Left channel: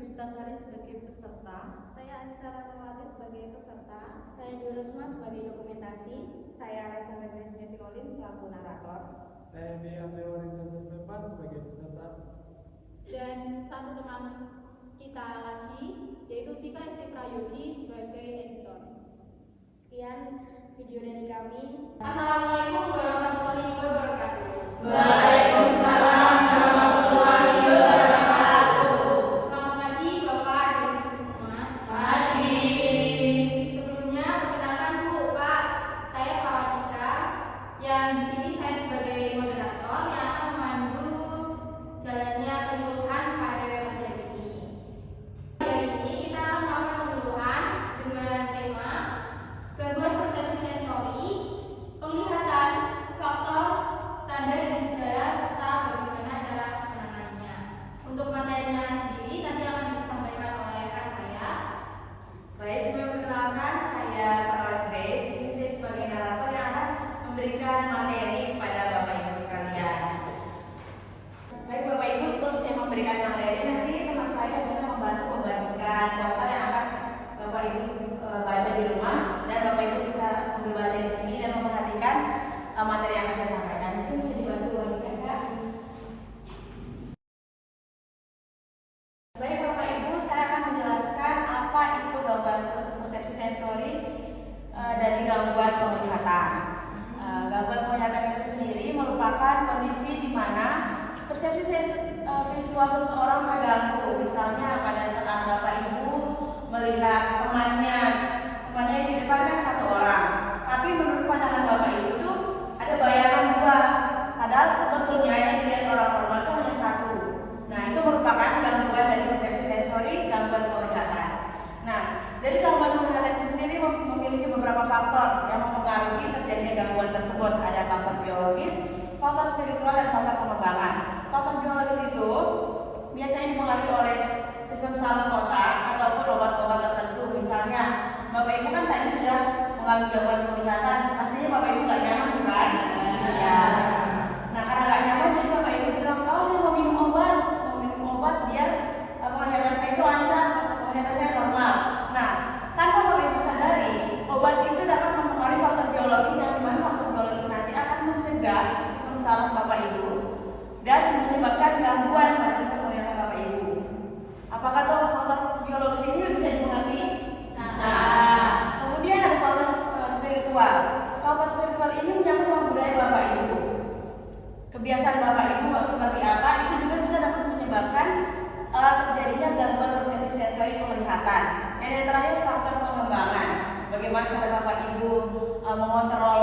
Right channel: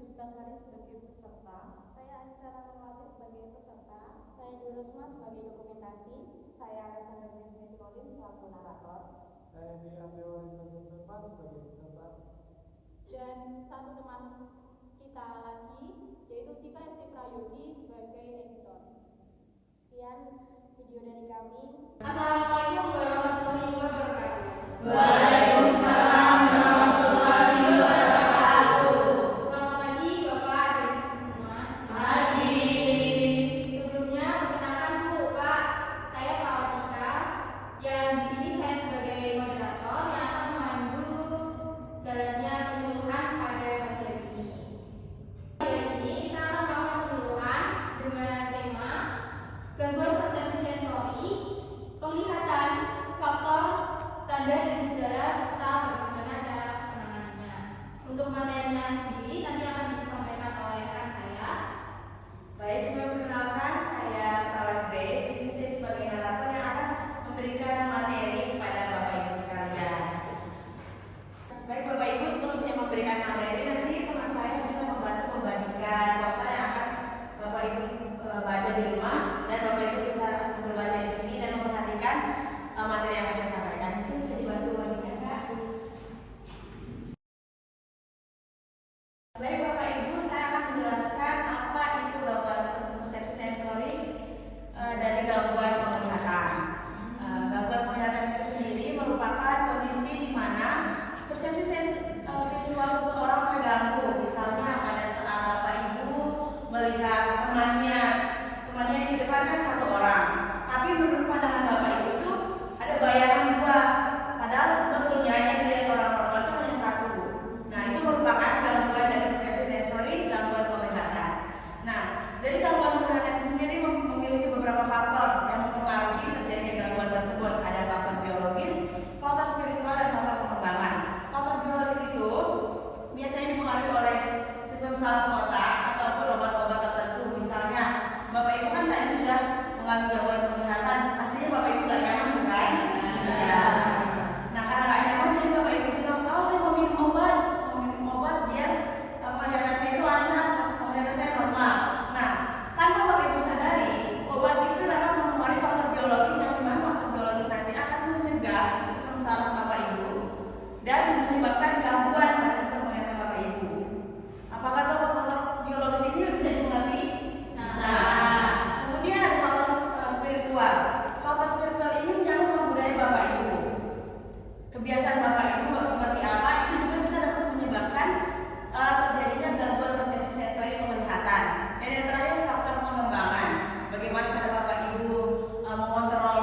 Puspitasari sebagai peserta. Saya Anissa Rahmawati sebagai peserta. Saya Durusma sebagai dokumentasi. Saya Alessandra Grace Tirolin selaku narator. Saya Bea Mewarinda Pepa sebagai peserta. Dan satu teman kita lagi, yaitu Tika Esti Prayogi sebagai editor. Sekian video dari kami. Assalamualaikum warahmatullahi wabarakatuh. Waalaikumsalam warahmatullahi wabarakatuh. Selamat pagi Bapak dan Ibu semua. Pagi. Sebelumnya perkenalkan dulu Pak, saya Pak Wajika. Yang di sini saya sebagai moderator yang akan memandu jalannya penyuluhan pada pagi hari ini. Hari ini kita akan melakukan penyuluhan dengan tema gangguan persepsi sensori, penglihatan, faktor, tanda dan gejala serta bagaimana cara menanganinya. Untuk materinya sendiri nanti akan disampaikan oleh rekan saya. Baik, sebelum perkenalkan, saya Perawat Grace. Di sini saya sebagai narator yang akan memberikan materi kepada Bapak Ibu sekalian. Baik Bapak Ibu, sebelum saya memberikan materi, nanti teman saya bisa membantu membagikan poster yang akan Bapak Ibu baca di rumah, dan Bapak Ibu bisa ambil baca di sini dan memperhatikan materi yang akan saya sampaikan. Itu bisa dibantu bagikan, Kak. Baik Bapak Ibu, saya akan menjelaskan apa itu gangguan persepsi sensori dari gangguan penglihatan. Gangguan penglihatan itu sendiri merupakan kondisi di mana persepsi visual seseorang terganggu. Misalnya pada saat Bapak Ibu melihat temannya yang di depan kan satu orang, tapi menurut pandangan Bapak Ibu tuh ada bayangan dua, padahal sebetulnya yang dilihat orang normal itu hanya satu. Nah, itu merupakan gangguan dari persepsi sensori, gangguan penglihatan. Nah, dari gangguan penglihatan itu sendiri memiliki beberapa faktor yang mempengaruhi terjadinya gangguan tersebut. Ada faktor biologis, faktor spiritual, dan faktor pengembangan. Faktor biologis itu biasanya dipengaruhi oleh sistem saraf otak ataupun obat-obat tertentu. Misalnya, Bapak Ibu kan tadi sudah mengalami gangguan penglihatan, pastinya Bapak Ibu nggak nyaman kan? Iya. Nah, karena nggak nyaman, jadi Bapak Ibu bilang, tahu saya mau minum obat biar penglihatan saya itu lancar, penglihatan saya normal. Nah, tanpa Bapak Ibu sadari, obat itu dapat mempengaruhi faktor biologis yang dimana faktor biologis nanti akan mencegah sistem saraf Bapak Ibu dan menyebabkan gangguan pada sistem penglihatan Bapak Ibu. Apakah tuh faktor biologis ini bisa dimengerti? Bisa. Kemudian ada faktor spiritual. Faktor spiritual ini menyangkut sama budaya Bapak Ibu. Kebiasaan Bapak Ibu seperti apa, itu juga bisa dapat menyebabkan terjadinya gangguan persepsi sensori penglihatan. Dan yang terakhir faktor pengembangan. Bagaimana cara Bapak Ibu mengontrol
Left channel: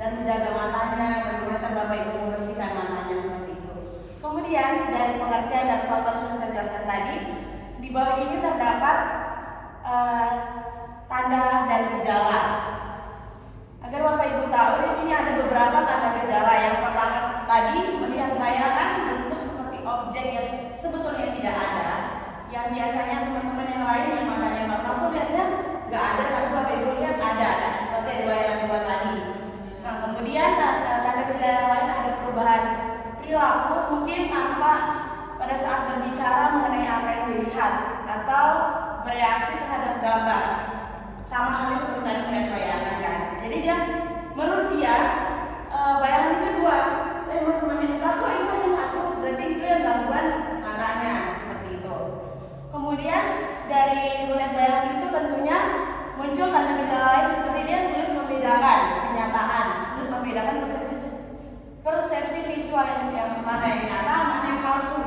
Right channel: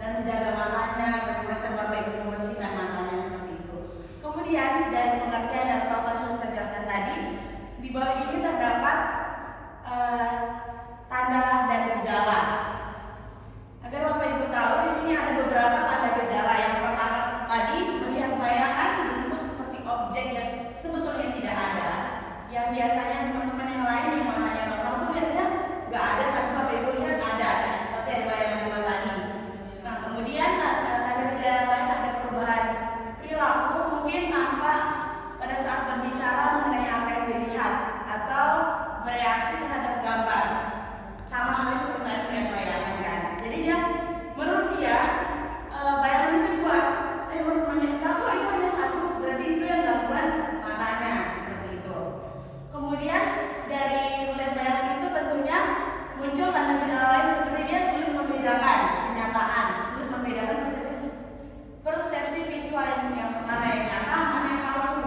dan menjaga matanya, bagaimana cara Bapak Ibu membersihkan matanya seperti itu. Kemudian dari pengertian dan faktor yang saya jelaskan tadi, di bawah ini terdapat tanda dan gejala. Agar Bapak Ibu tahu, di sini ada beberapa tanda gejala. Yang pertama tadi melihat bayangan bentuk seperti objek yang sebetulnya tidak ada. Yang biasanya teman-teman yang lain yang matanya normal tuh lihatnya nggak ada, tapi Bapak Ibu lihat ada, seperti ada bayangan dua tadi. Nah, kemudian tanda gejala lain ada perubahan perilaku, mungkin nampak pada saat berbicara mengenai apa yang dilihat atau bereaksi terhadap gambar. Sama halnya seperti tadi dengan bayangan kan. Jadi dia menurut dia bayangan itu dua, tapi menurut temannya enggak kok itu hanya satu, berarti itu yang gangguan matanya seperti itu. Kemudian dari melihat bayangan itu tentunya muncul tanda gejala lain seperti dia sulit membedakan kenyataan, sulit membedakan persepsi visual yang mana yang nyata, mana yang palsu.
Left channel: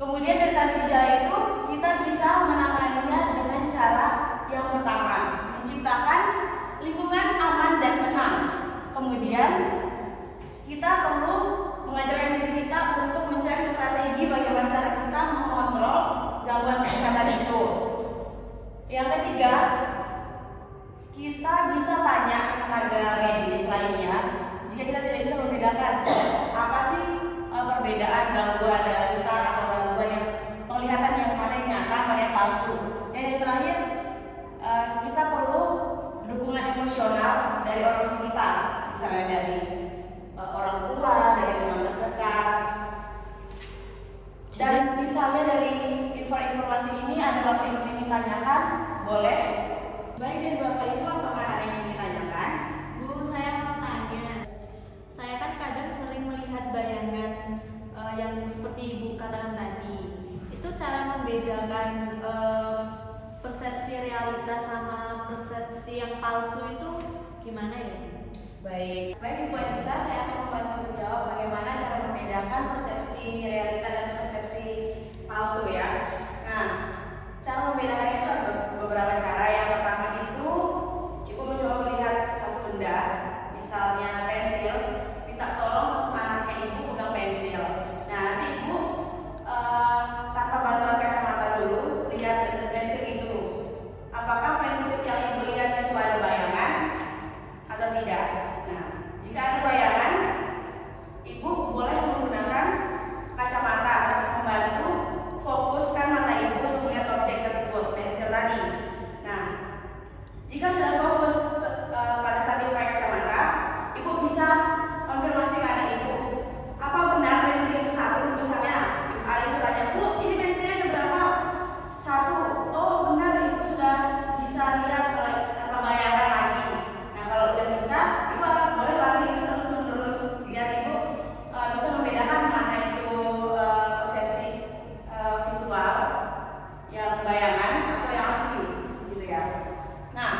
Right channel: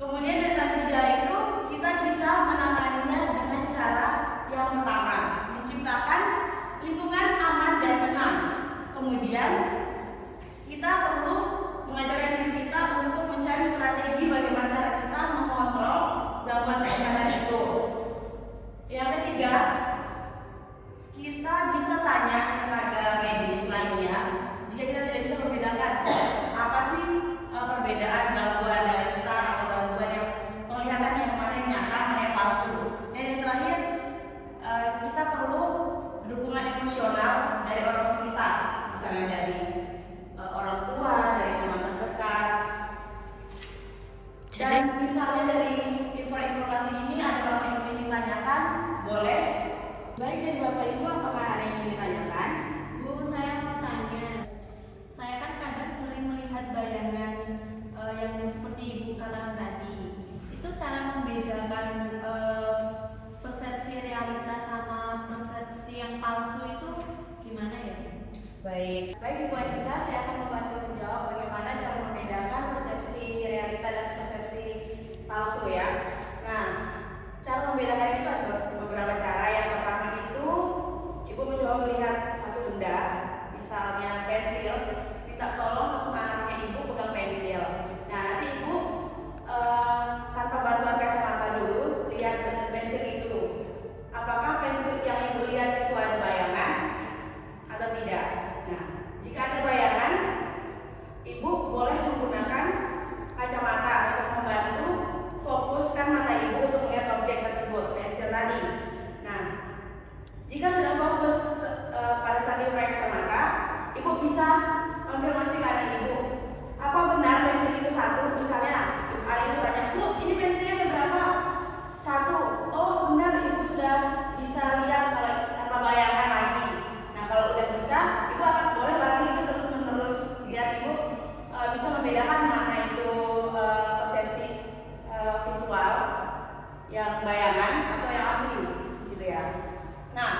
Kemudian dari tanda gejala itu kita bisa menanganinya dengan cara yang pertama, menciptakan lingkungan aman dan tenang. Kemudian kita perlu mengajarkan diri kita untuk mencari strategi bagaimana cara kita mengontrol gangguan penglihatan itu. Yang ketiga, kita bisa tanya ke tenaga medis lainnya jika kita tidak bisa membedakan informasi ini ada Bapak Ibu yang ditanyakan? Boleh? Baik, dari Bapak Ibu apakah ada yang ingin ditanyakan? Bu, saya mau tanya. Saya kan kadang sering melihat bayangan yang seperti Ibu katakan tadi. Itu cara membedakan persepsi realitas sama persepsi yang palsu itu gimana ya? Baik, Ibu Anissa, saya akan membantu menjawab bagaimana cara membedakan persepsi realita dan persepsi palsu ya. Nah, cara membedakan itu ada beberapa cara. Yang pertama itu Ibu mencoba melihat satu benda, misalnya pensil, minta tolong untuk anaknya Ibu pegang pensil. Nah, nanti Ibu tanpa bantuan kacamata dulu lihat pensil itu. Apakah pensil yang Ibu lihat itu ada bayangan atau tidak? Nah, jika ada bayangan, Ibu boleh menggunakan kacamata untuk membantu fokuskan mata Ibu untuk melihat objek tersebut, pensil tadi. Nah, jika sudah fokus pada saat Ibu pakai kacamata, Ibu bisa konfirmasi ke anak Ibu, apa benar pensil itu satu? Misalnya, anak Ibu tanya, Bu, ini pensilnya ada berapa? Satu. Oh, benar, Ibu sudah bisa lihat kalau tanpa bayangan lagi. Nah, kalau udah bisa, Ibu akan boleh latih itu terus menerus biar Ibu bisa membedakan mana itu persepsi visual yang bayangan atau yang asli, gitu ya. Nah,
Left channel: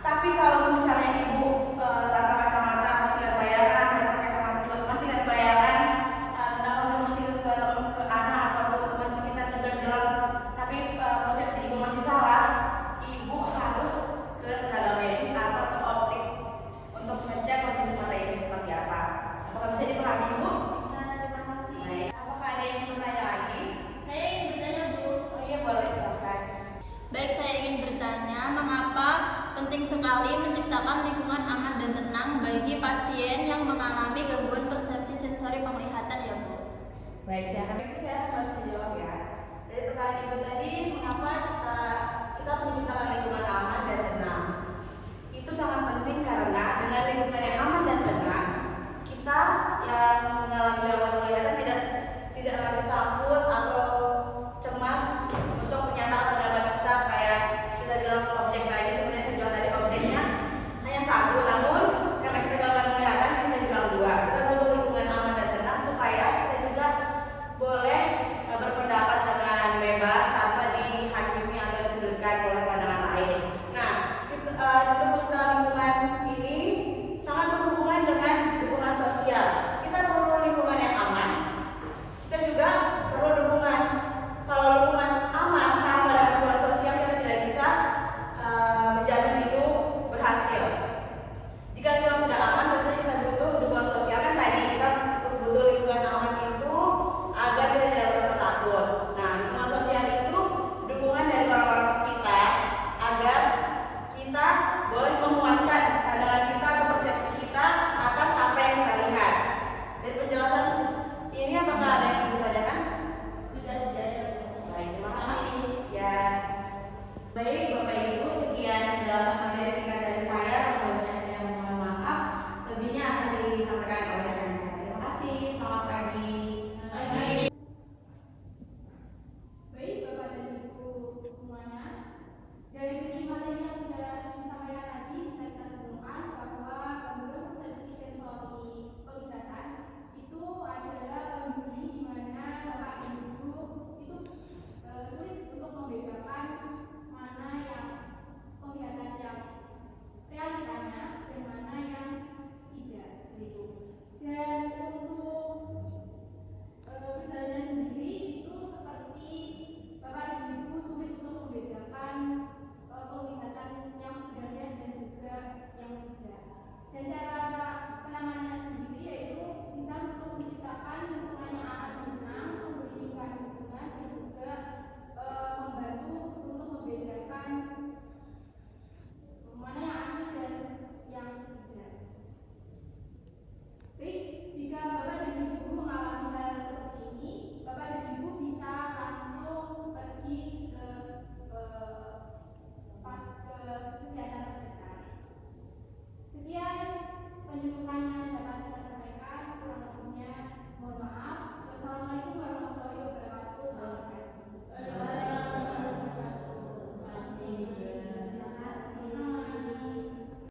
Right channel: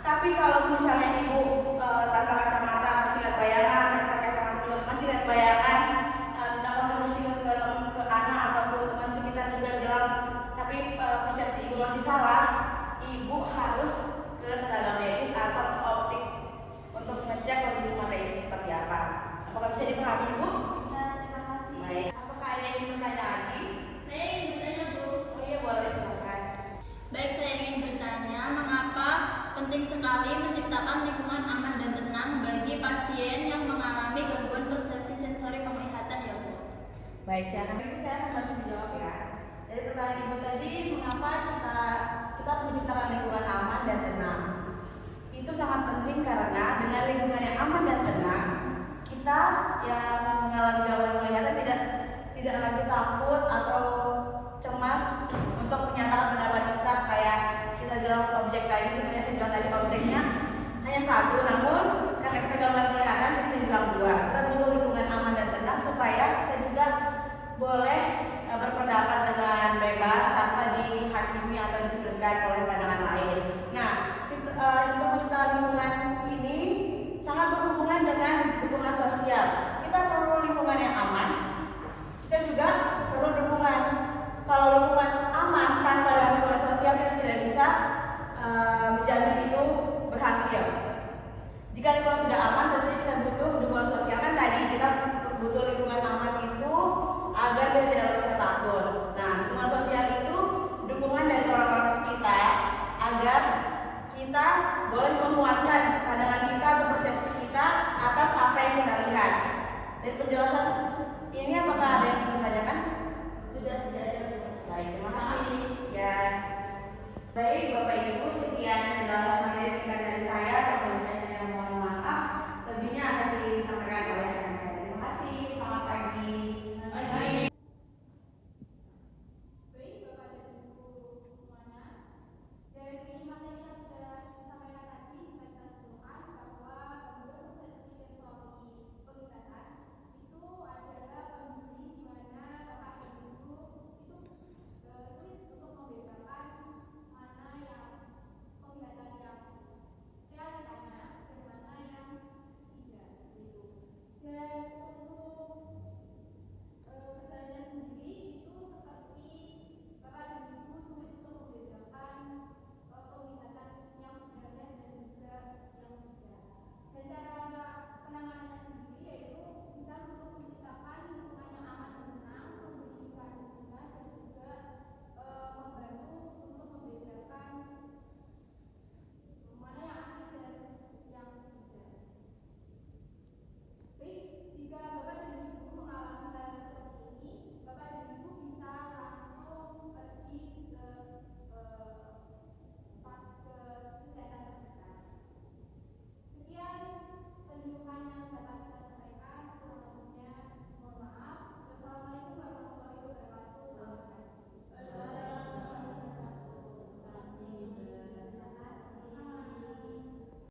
tapi kalau misalnya Ibu tanpa kacamata masih lihat bayangan, tanpa kacamata juga masih lihat bayangan, minta konfirmasi ke anak ataupun teman sekitar juga bilang, tapi persepsi Ibu masih salah, Ibu harus ke tenaga medis atau ke optik untuk ngecek kondisi mata Ibu seperti apa. Apakah bisa dipahami, Ibu? Bisa, terima kasih. Baik. Apakah ada yang ingin bertanya lagi? Saya ingin bertanya, Bu. Oh iya, boleh, silakan. Baik, saya ingin bertanya, mengapa penting sekali menciptakan lingkungan aman dan tenang bagi pasien yang mengalami gangguan persepsi sensori penglihatan ya, Bu? Baik, silakan. Ibu, saya akan bantu menjawab ya. Dari pertanyaan Ibu tadi, mengapa kita harus menciptakan lingkungan aman dan tenang? Itu sangat penting karena dengan lingkungan yang aman dan tenang, kita yang mengalami gangguan penglihatan tidak lagi takut atau cemas untuk menyatakan pendapat kita, kayak kita bilang objek tadi, sebenarnya kita bilang tadi objeknya hanya satu, namun karena kita gangguan penglihatan kita bilang dua. Kita butuh lingkungan aman dan tenang supaya kita juga boleh berpendapat dengan bebas tanpa dihakimi atau disudutkan oleh pandangan lain. Nah, untuk kita lingkungan ini sangat berhubungan dengan dukungan sosial. Kita perlu lingkungan yang aman,